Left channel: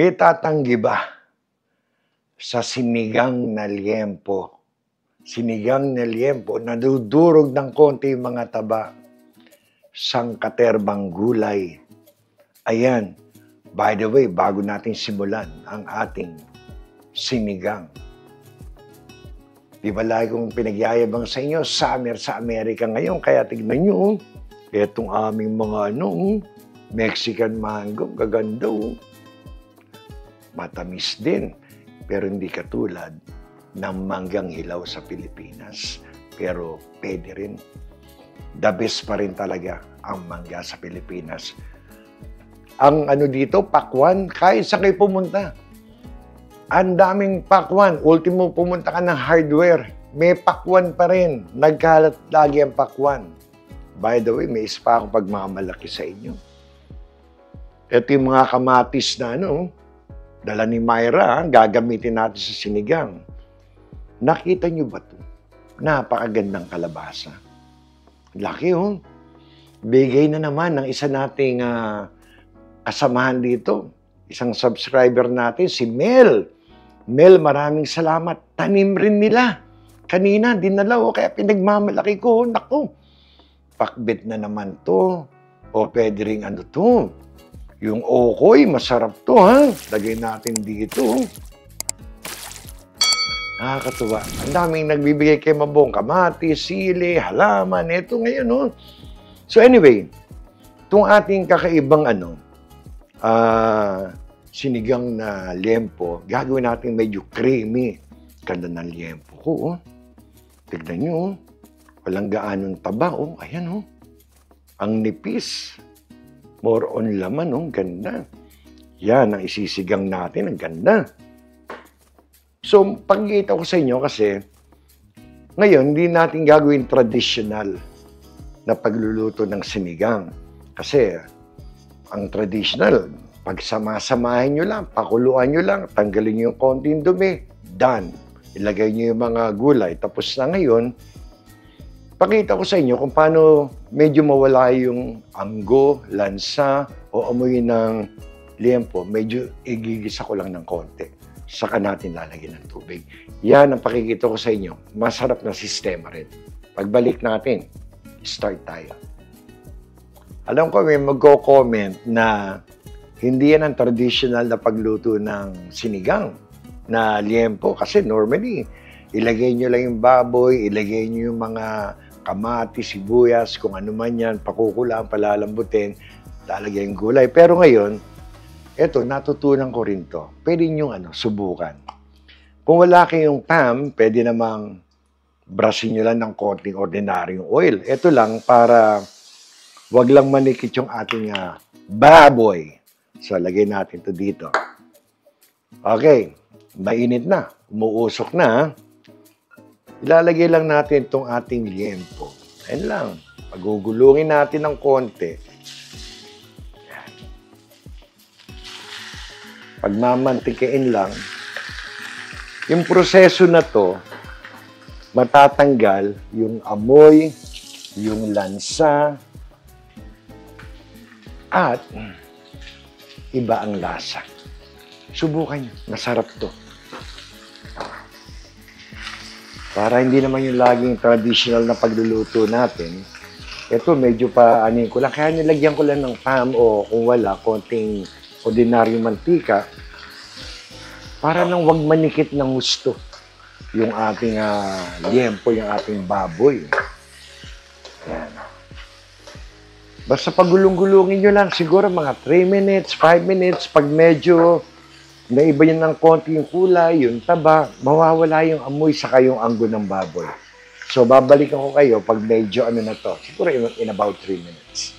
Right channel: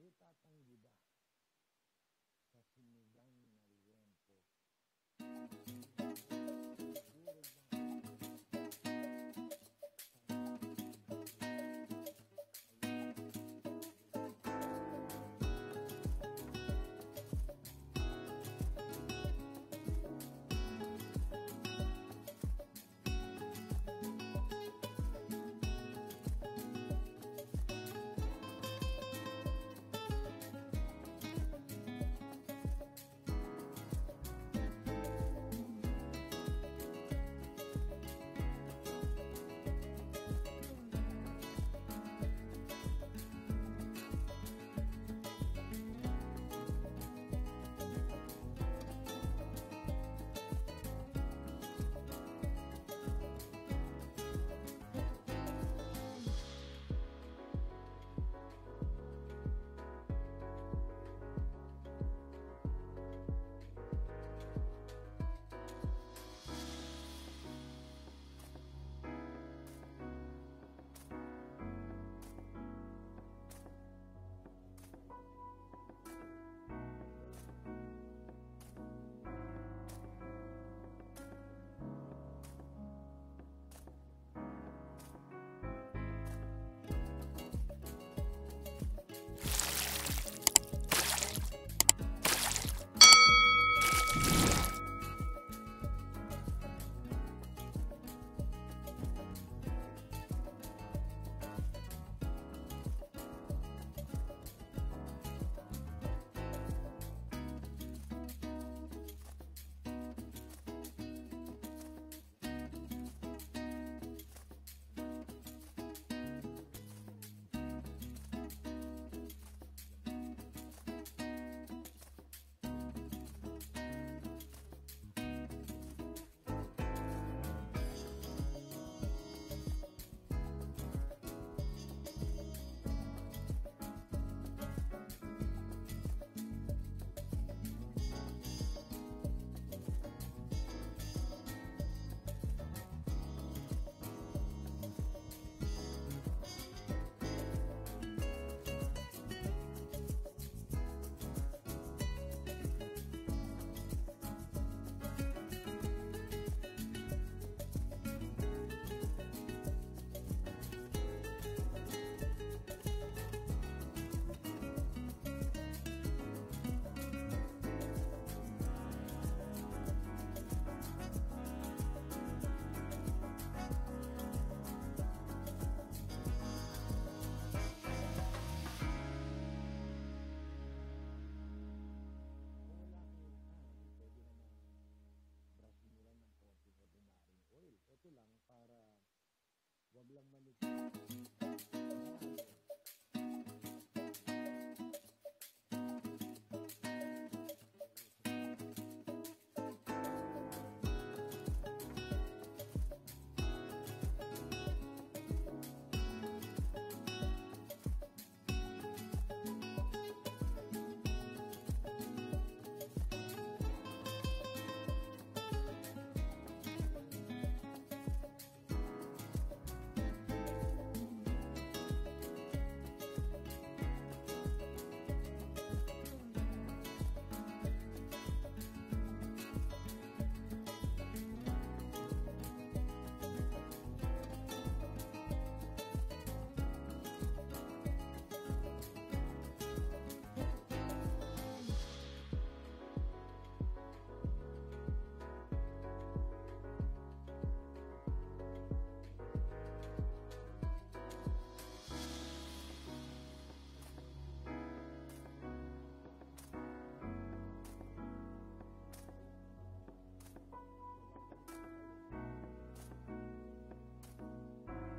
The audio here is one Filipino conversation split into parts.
May tatanggi ba sa sinigang na liempo? Sinigang na liempo, nadudurog ng konti yung mga taba, sangkaterbang gulay. Ayan, by the way, bago natin simulan ang ating sinigang. Di ba lagi kong pinagyayabang sa inyo, summer sa Amerika ngayon, kaya tignan nyo, etong aming mga Mexican mango, gaganda matamis din, pero hindi katulad ng manggang hilaw sa Pilipinas. Pero pwede rin. The best pa rin talaga ang mangga sa Pilipinas. Ang dito, pakwan, kahit sa kayo pumunta. Ang daming pakwan. Ultimo pumunta ka ng hardware, may pakwan pa rin. Nagkalat lagi ang pakwan. By the way, may ispa akong pagmamalaki sa inyo. Ito yung mga kamatis na dala ni Myra, gagamitin natin sa sinigang. Nakita niyo ba ito? Napakagandang kalabasa. Laki Bigay na naman ng isa nating kasamahan dito. Isang subscriber natin, si Mel. Mel, maraming salamat. Tanim rin nila. Kanina, dinala kaya pinagmamalaki ko. Naku, pakbet na naman to. O pwede rin to. Yung okoy, masarap to, Lagay natin dito. Nakakatuwa. Ang daming nagbibigay kay Mabong, kamatis, sili, halaman, ito ngayon, So anyway, itong ating kakaibang sinigang na liempo, gagawin natin medyo creamy. Ganda ng liempo ko, Tignan nyo, walang gaanong taba, Ayan, Ang nipis. More on laman, ganda. Yan, ang isisigang natin, ang ganda. So, pagkikita ko sa inyo kasi, ngayon, hindi natin gagawin traditional na pagluluto ng sinigang. Kasi, ang traditional, pagsama-samahin nyo lang, pakuluan nyo lang, tanggalin nyo yung konting dumi, done. Ilagay nyo yung mga gulay. Tapos na ngayon, pakita ko sa inyo kung paano medyo mawala yung anggo, lansa, o amoy ng liempo. Medyo igigisa ko lang ng konti. Saka natin lalagyan ng tubig. Yan ang pakikita ko sa inyo. Masarap na sistema rin. Pagbalik natin, start tayo. Alam ko may magko-comment na hindi yan ang traditional na pagluto ng sinigang na liempo. Kasi normally, ilagay nyo lang yung baboy, ilagay nyo yung mga kamatis, sibuyas, kung ano man yan, pakukulaan, palalambutin, lalagyan yung gulay. Pero ngayon, eto, natutunan ko rin to. Pwede nyo subukan. Kung wala kayong PAM, pwede namang brusin nyo lang ng konting ordinaryong oil. Ito lang para wag lang manikit yung ating baboy. So, lagay natin to dito. Okay, mainit na. Umuusok na, Ilalagay lang natin itong ating liempo. Ayan lang. Pagugulungin natin ng konti. Pagmamantikain lang. Yung proseso na to, matatanggal yung amoy, yung lansa, at iba ang lasa. Subukan nyo. Masarap to. Para hindi naman yung laging traditional na pagluluto natin, ito medyo pa ko lang. Kaya nilagyan ko lang ng PAM o kung wala, konting ordinaryong mantika para nang wag manikit ng gusto yung ating liempo, yung ating baboy. Yan. Basta pagulong-gulungin nyo lang, siguro mga 3 minutes, 5 minutes, pag medyo naiba yun ng konti yung kulay, yung taba, mawawala yung amoy saka yung anggo ng baboy. So, babalikan ko kayo pag medyo na to. Siguro in about 3 minutes.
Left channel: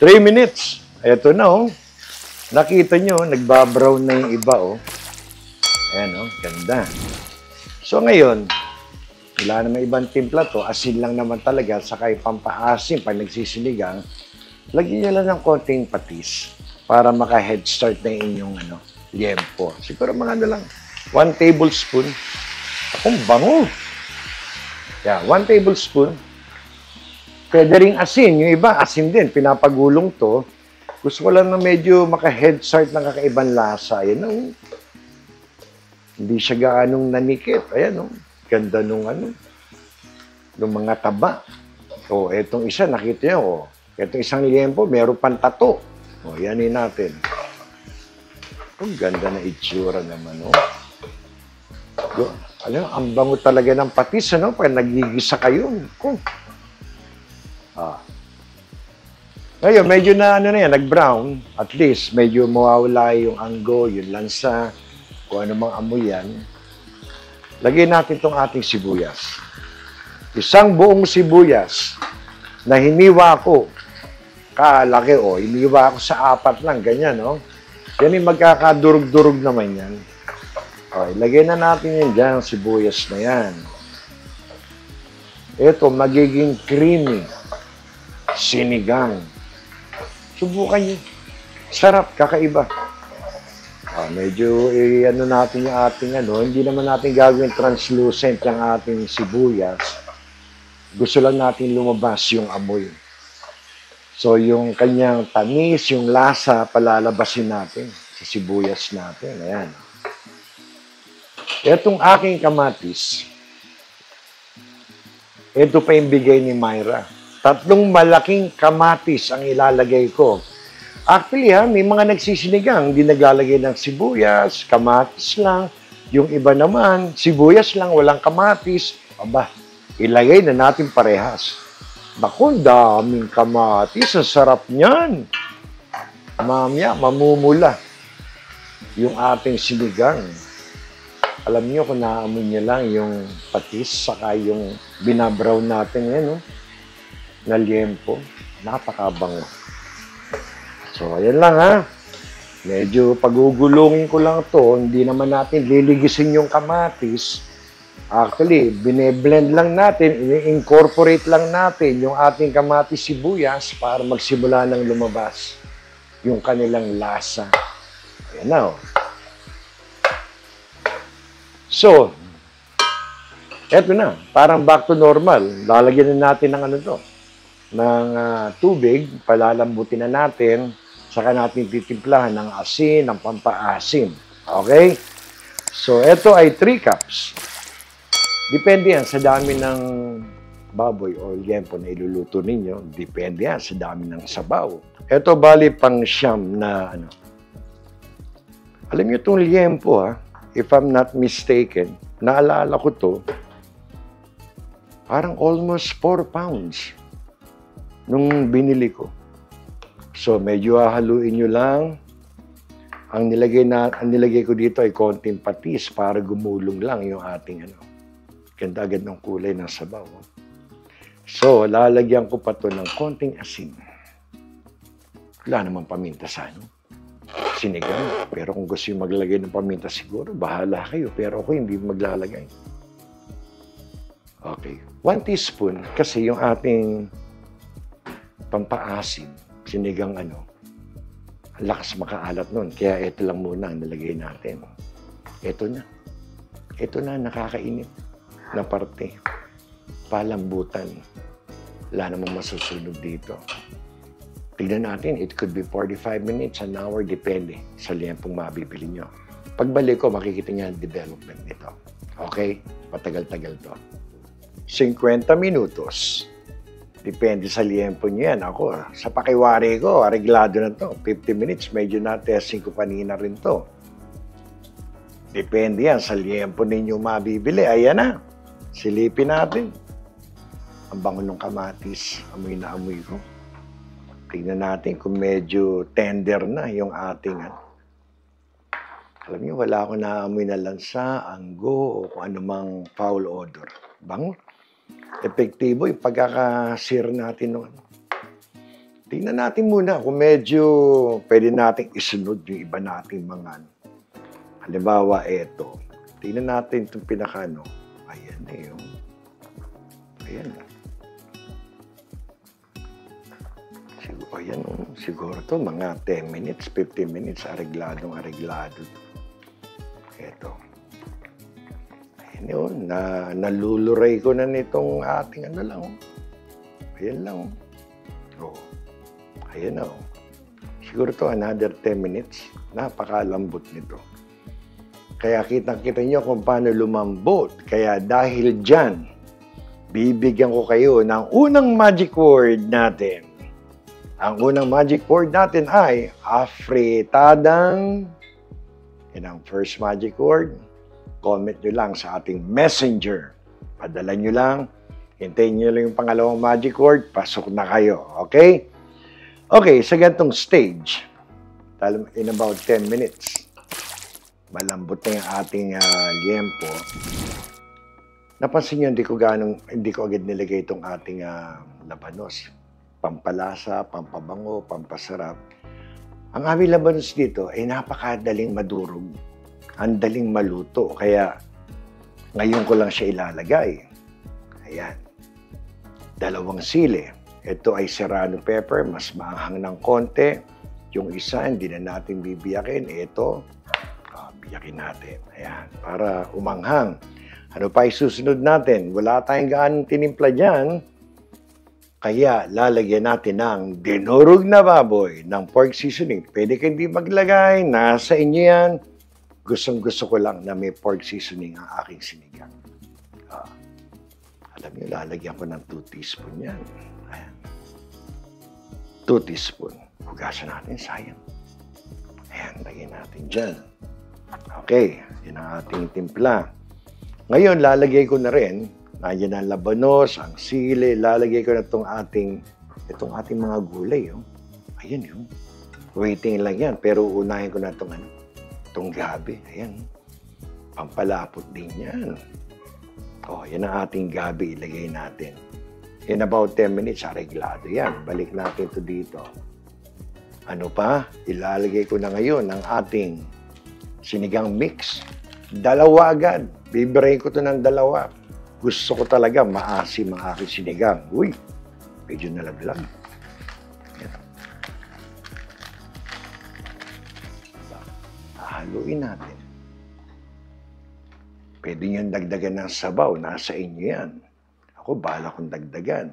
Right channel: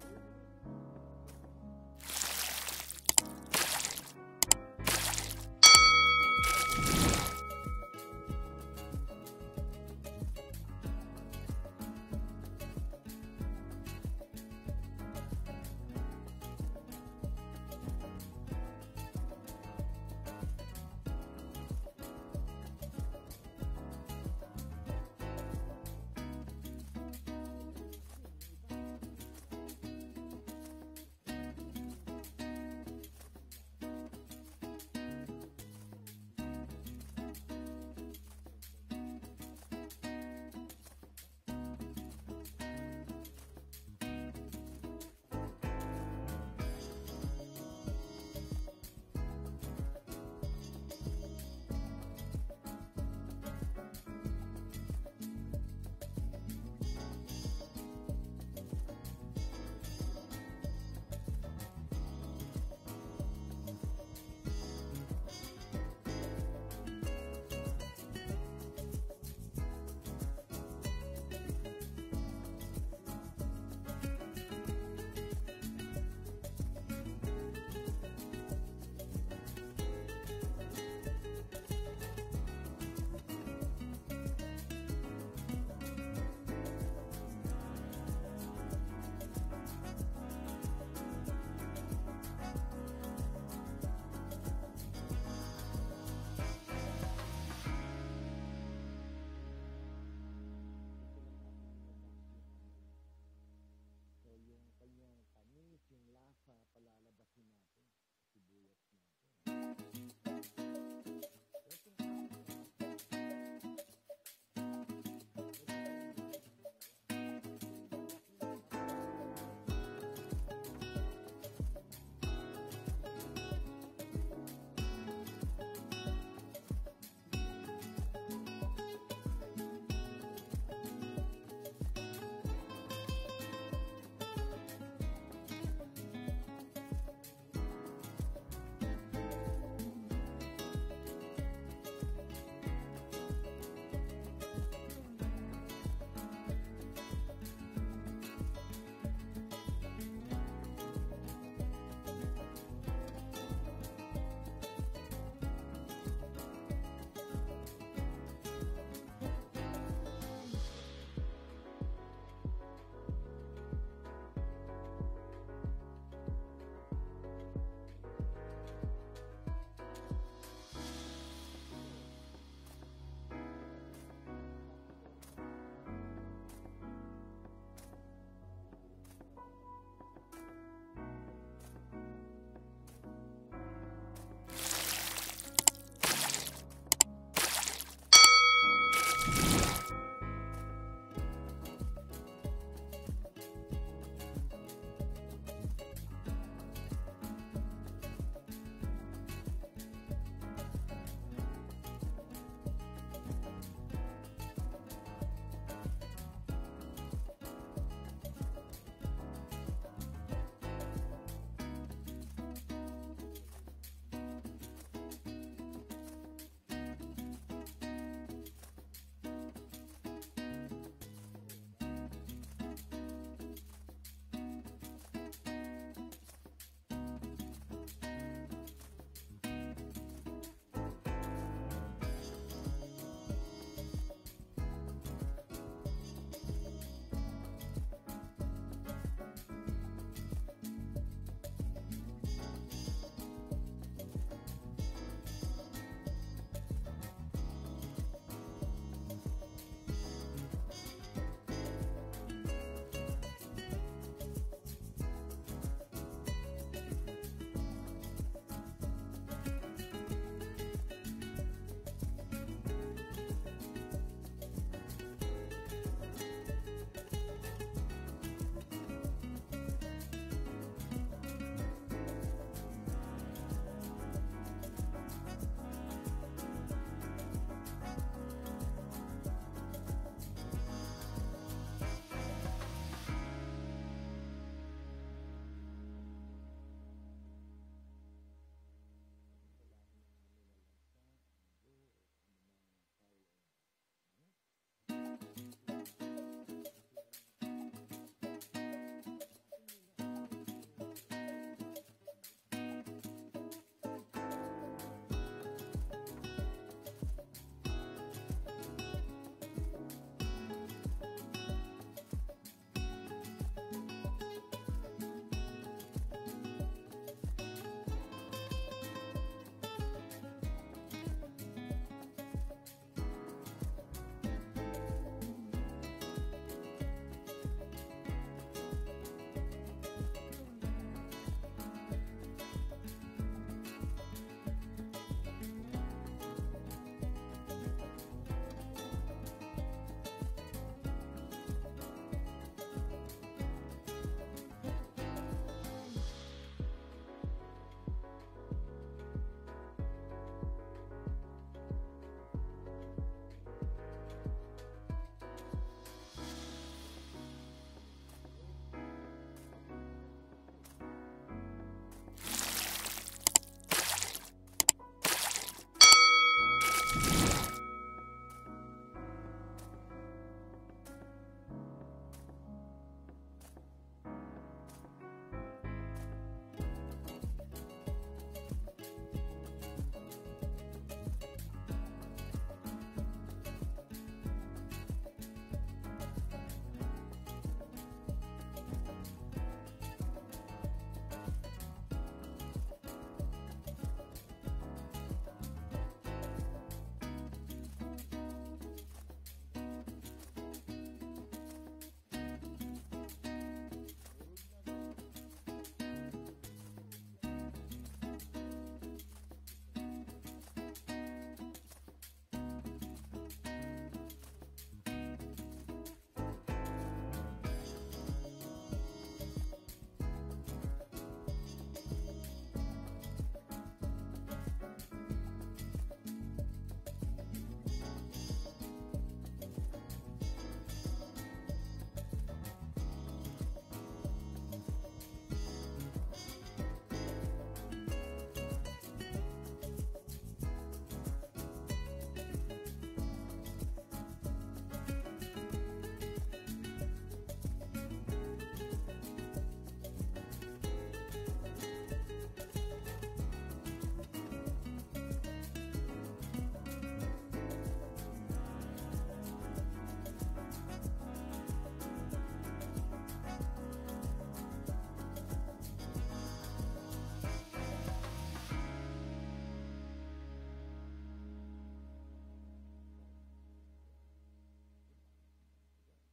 3 minutes. Eto na, Nakita nyo, nagbabrown na yung iba, Ayan, ganda. So, ngayon, wala naman ibang timpla to. Asin lang naman talaga, saka yung pampaasim pag nagsisinigang. Lagyan nyo lang ng konting patis para maka-head start na inyong liempo. Siguro mga lang, 1 tablespoon. Akong bango. Yeah, 1 tablespoon. Pwede ring asin. Yung iba, asin din. Pinapagulong to. Gusto ko lang na medyo maka-head start ng kakaibang lasa. Ayan, oh. Hindi siya gaanong nanikip. Ayan, oh. Ganda nung nung mga taba. O, etong isa, nakita niyo, oh. Etong isang liempo, meron pang tato. O, yanin natin. Ang ganda na itsura naman, oh. Ang bango talaga ng patis, ano? Pag nagigisa kayo. Oh. Ngayon, medyo na, nag-brown. At least, medyo mawawala yung anggo, yung lansa, kung ano mang amoy yan. Lagyan natin itong ating sibuyas. Isang buong sibuyas na hiniwa ko. Kalaki, oh. Hiniwa ko sa 4 lang, ganyan, oh. Yan yung magkakadurog-durog naman yan. Okay, lagyan na natin yan dyan, sibuyas na yan. Ito, magiging creamy. Sinigang. Subukan nyo. Sarap, kakaiba. Medyo, natin yung ating, hindi naman natin gagawin translucent yung ating sibuyas. Gusto lang natin lumabas yung amoy. So, yung kanyang tamis, yung lasa, palalabasin natin sa sibuyas natin. Ayan. Itong aking kamatis, ito pa yung bigay ni Myra. 3 malaking kamatis ang ilalagay ko. Actually, may mga nagsisinigang, hindi naglalagay ng sibuyas, kamatis lang. Yung iba naman, sibuyas lang, walang kamatis. Aba, ilagay na natin parehas. Naku, daming kamatis. Ang sarap niyan. Mamaya, mamumula yung ating sinigang. Alam niyo kung naamoy niyo lang yung patis, saka yung binabrown natin yan, no? Na liempo. Napakabango. So, ayan lang, ha. Medyo pagugulungin ko lang to. Hindi naman natin liligisin yung kamatis. Actually, bine-blend lang natin, i-incorporate lang natin yung ating kamatis sibuyas para magsimula ng lumabas yung kanilang lasa. Ayan na, oh. So, eto na. Parang back to normal. Lalagyan na natin ng ng tubig. Palalambutin na natin. Saka natin titimplahan ng asin, ng pampaasim. Okay? So, eto ay 3 cups. Depende yan sa dami ng baboy o liempo na iluluto ninyo. Depende yan sa dami ng sabaw. Eto, bali pang siyam na Alam niyo itong liempo, ha? If I'm not mistaken, naalala ko to, parang almost 4 pounds nung binili ko. So, medyo hahaluin nyo lang. Ang nilagay ko dito ay konting patis para gumulong lang yung ating ganda agad ng kulay ng sabaw. So, lalagyan ko pa to ng konting asin. Wala namang paminta sa sinigang. Pero kung gusto yung maglagay ng paminta, siguro, bahala kayo. Pero ako hindi maglalagay. Okay. 1 teaspoon kasi yung ating pampaasim, sinigang ang lakas makaalat nun. Kaya ito lang muna ang nalagay natin. Ito na. Ito na, nakakainit na parte. Palambutan. Wala namang masusunog dito. Tignan natin, it could be 45 minutes, an hour, depende sa liempong mabibili nyo. Pagbalik ko, makikita niya ang development nito. Okay? Patagal-tagal to. 50 minutos. Depende sa liempo nyo yan. Ako, sa pakiwari ko, areglado na to. 50 minutes, medyo na-testing ko panina rin to. Depende yan sa liempo ninyo mabibili. Ayan na. Silipin natin. Ang bango ng kamatis. Amoy na amoy ko. Tingnan natin kung medyo tender na yung ating Alam niyo, wala akong naamoy na lansa, anggo, o kung anumang foul odor. Bango. Epektibo yung pagkakasir natin ng Tingnan natin muna kung medyo pwede nating isunod yung iba nating mga halimbawa, eto. Tingnan natin itong pinakano. Ayan na yun. Ayan. Ayan, siguro to mga 10 minutes, 15 minutes, areglado. Ito. Ayan yun, naluluray ko na nitong ating lang. Ayan lang. Oh. Ayan na. siguro to another 10 minutes. Napakalambot nito. Kaya kitang-kita nyo kung paano lumambot. Kaya dahil dyan, bibigyan ko kayo ng unang magic word natin. Ang unang magic word natin ay afritadang. Yan ang first magic word. Comment nyo lang sa ating messenger. Padala nyo lang. Hintayin nyo lang yung pangalawang magic word. Pasok na kayo. Okay? Okay, sa ganitong stage, in about 10 minutes, malambot na yung ating liempo. Napansin nyo, hindi ko agad nilagay itong ating labanos. Pampalasa, pampabango, pampasarap. Ang aming labanos dito ay napakadaling madurog. Ang daling maluto. Kaya ngayon ko lang siya ilalagay. Ayan. 2 sili. Ito ay serrano pepper, mas maanghang ng konti. Yung isa, hindi na natin bibiyakin. Ito, biyakin natin. Ayan, para umanghang. Ano pa isusunod natin? Wala tayong gaanong tinimpla dyan. Kaya lalagyan natin ng dinurog na baboy ng pork seasoning. Pwede kayo hindi maglagay. Nasa inyo yan. Gustong-gusto ko lang na may pork seasoning ang aking sinigang. Alam niyo, lalagyan ko ng 2 teaspoon yan. Ayan. 2 teaspoon. Hugasan natin, sayang. Ayan, lagyan natin dyan. Okay, yan ang ating timpla. Ngayon, lalagay ko na rin, nandiyan ang labanos, ang sili, lalagay ko na itong ating mga gulay. Oh. Ayan yun. Waiting lang yan, pero unahin ko na itong gabi. Ayan. Pampalapot din yan. Oh, yan ang ating gabi, ilagay natin. In about 10 minutes, areglado yan. Balik natin ito dito. Ano pa? Ilalagay ko na ngayon ang ating sinigang mix. 2 agad. Bibirahin ko ito ng 2. Gusto ko talaga maasim ang aking sinigang. Uy, medyo nalaglag. Haluin natin. Pwede nyo dagdagan ng sabaw. Nasa inyo yan. Ako, bahala kong dagdagan.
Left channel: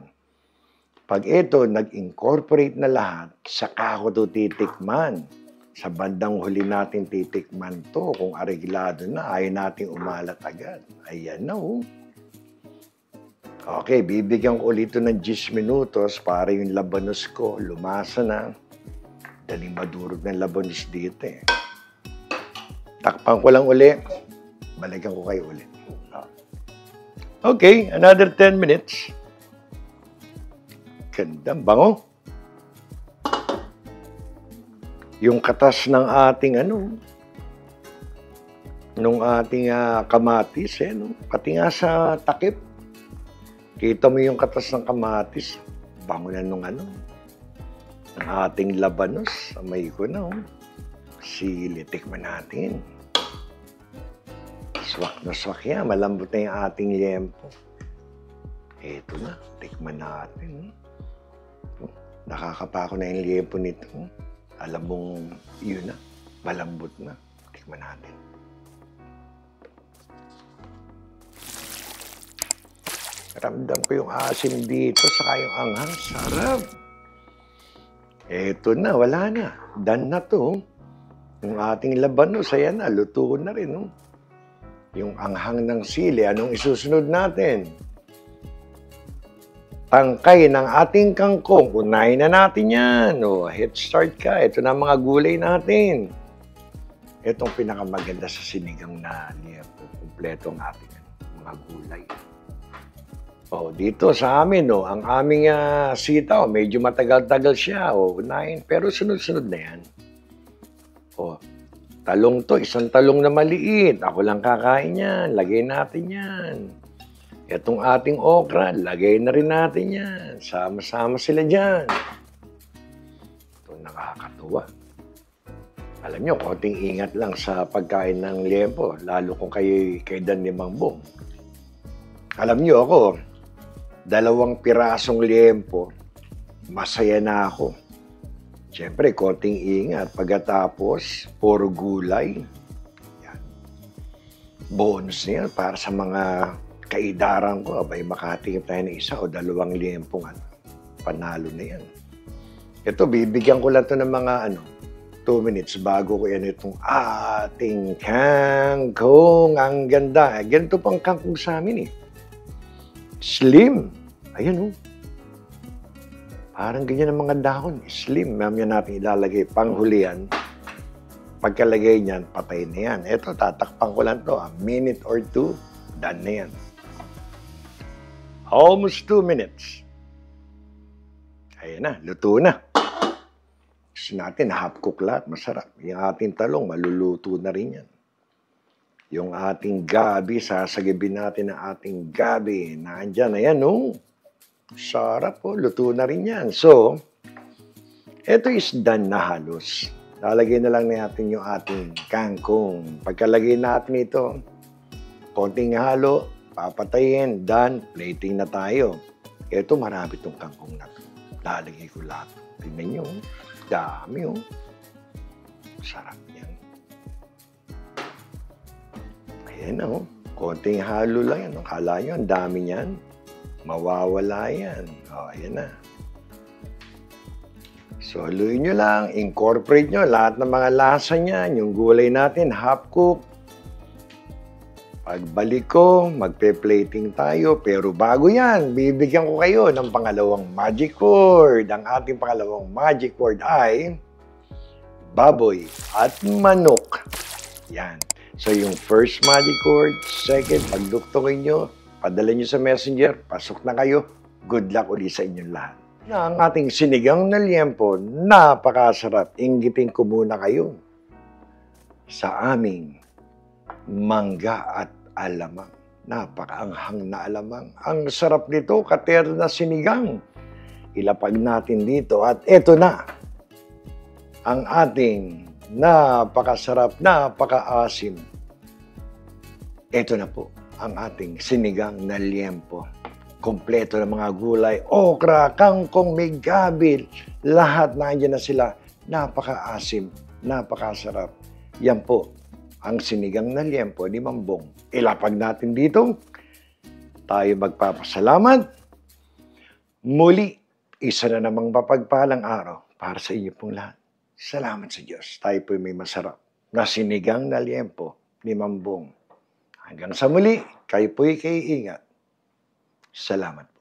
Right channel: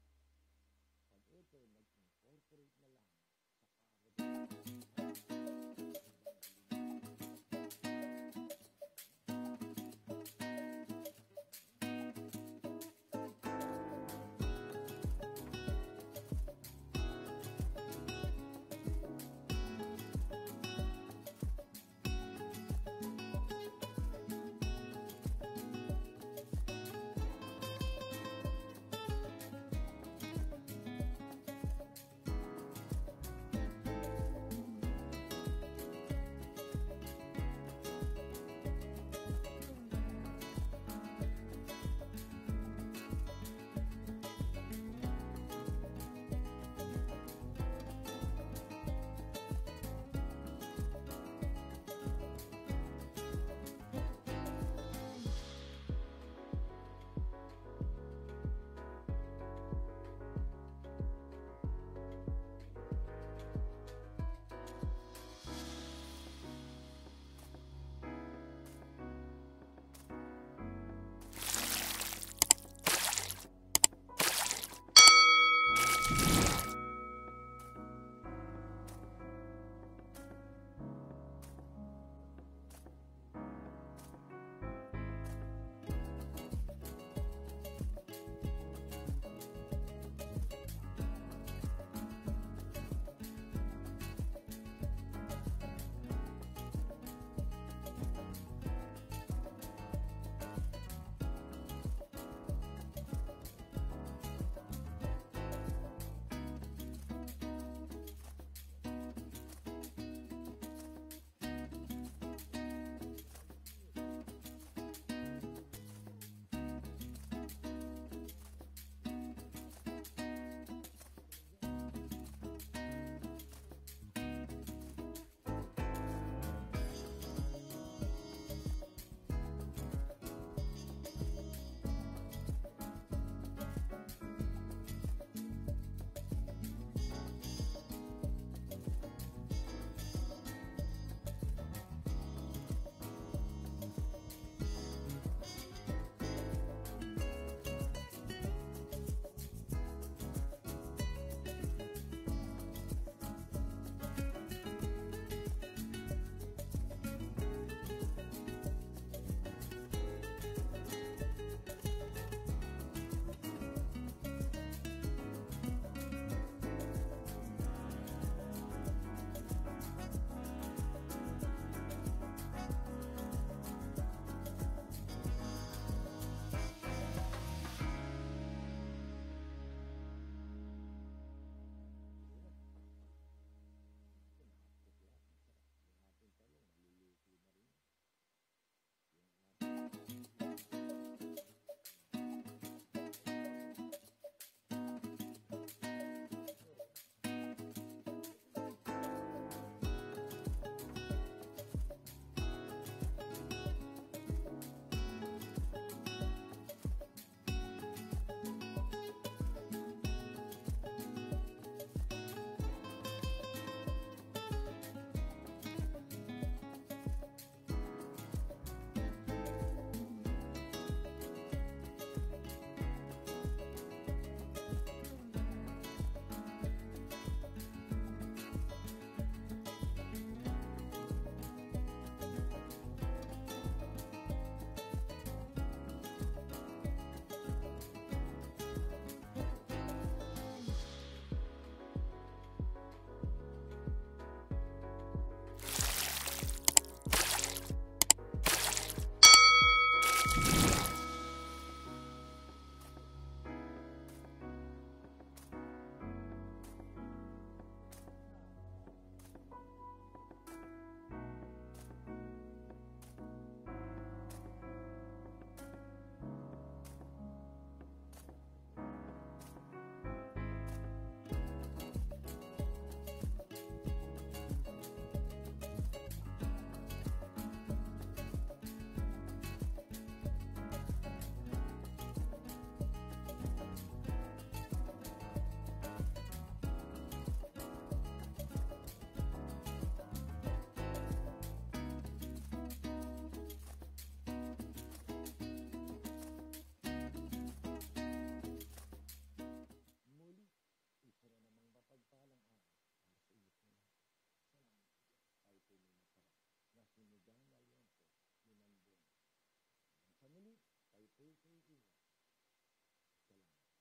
Pag ito, nag-incorporate na lahat, saka ako ito titikman. Sa bandang huli natin titikman to. Kung areglado na, ayaw natin umalat agad. Ayan na, oh. Okay, bibigyan ko ulit ito ng 10 minutos para yung labanos ko lumasa na. Daling madurog ng labanos dito, eh. Takpan ko lang uli. Balikan ko kayo ulit. Okay, another 10 minutes. Gandang bango. Yung katas ng ating nung ating kamatis, pati nga sa takip. Kita mo yung katas ng kamatis. Bango na nung ng ating labanos. Amay ko na, Sili, tikman natin. Swak na swak yan. Malambot na yung ating liempo. Eto na. Tikman natin. Nakakapa ko na yung liempo nito. Alam mong yun na. Malambot na. Tikman natin. Ramdam ko yung asim dito. Saka yung anghang. Sarap. Eto na. Wala na. Done na to. Yung ating labanos. Ayan na. Luto na rin. Yung anghang ng sili, anong isusunod natin? Tangkay ng ating kangkong. Unahin na natin yan. Head start ka. Ito na mga gulay natin. Itong pinakamaganda sa sinigang na liempo. Kompleto ang ating mga gulay. Dito sa amin, ang aming sitaw, medyo matagal-tagal siya. Unahin. Pero sunod-sunod na yan. Talong to, isang talong na maliit. Ako lang kakain yan. Lagay natin yan. Itong ating okra, lagay na rin natin yan. Sama-sama sila dyan. Ito, nakakatuwa. Alam nyo, konting ingat lang sa pagkain ng liempo. Lalo kung kayo Dan ni Mang Bong. Alam nyo ako, 2 pirasong liempo, masaya na ako. Siyempre, konting ingat. Pagkatapos, puro gulay. Yan. Bonus na yan para sa mga kaidaran ko. Abay, makatingin tayo ng 1 o 2 liempong. Panalo na yan. Ito, bibigyan ko lang 'to ng mga 2 minutes bago ko yan itong ating kangkong. Ang ganda. Ganito pang kangkong sa amin eh. Slim. Ayan oh. Parang ganyan ang mga dahon. Slim. Mamaya natin ilalagay panghulihan. Pagkalagay niyan, patay na yan. Ito, tatakpan ko lang to. A minute or 2, done na yan. Almost 2 minutes. Ayan na, luto na. Gusto natin, half cook lahat, masarap. Yung ating talong, maluluto na rin yan. Yung ating gabi, sasagibin natin ang ating gabi. Nandyan, ayan, oh. Sarap, oh. Luto na rin yan. So, ito is done na halos. Lalagay na lang natin yung ating kangkong. Pagkalagay natin ito, konting halo, papatayin, done, plating na tayo. Ito, marami itong kangkong na ito. Lalagay ko lahat. Tingnan nyo, dami oh. Sarap yan. Ayan oh, konting halo lang yan. Akala nyo, ang dami yan. Mawawala yan. O, ayan na. So, haluin nyo lang, incorporate nyo lahat ng mga lasa niyan. Yung gulay natin, half cook. Pagbalik ko, magpe-plating tayo. Pero bago yan, bibigyan ko kayo ng pangalawang magic word. Ang ating pangalawang magic word ay baboy at manok. Yan. So, yung first magic word, second, pagduktukin nyo, padala nyo sa messenger, pasok na kayo. Good luck ulit sa inyong lahat. Ang ating sinigang na liempo, napakasarap. Inggitin ko muna kayo sa aming mangga at alamang. Napakaanghang na alamang. Ang sarap nito, kater na sinigang. Ilapag natin dito at eto na ang ating napakasarap, napakaasim. Eto na po ang ating sinigang na liempo. Kompleto ng mga gulay, okra, kangkong, may gabi. Lahat nandiyan na sila. Napakaasim, napakasarap. Yan po ang sinigang na liempo ni Mambong. Ilapag natin dito. Tayo magpapasalamat. Muli, isa na namang mapagpalang araw para sa inyo pong lahat. Salamat sa Diyos. Tayo po may masarap na sinigang na liempo ni Mambong. Hanggang sa muli, kayo po'y ingat. Salamat po.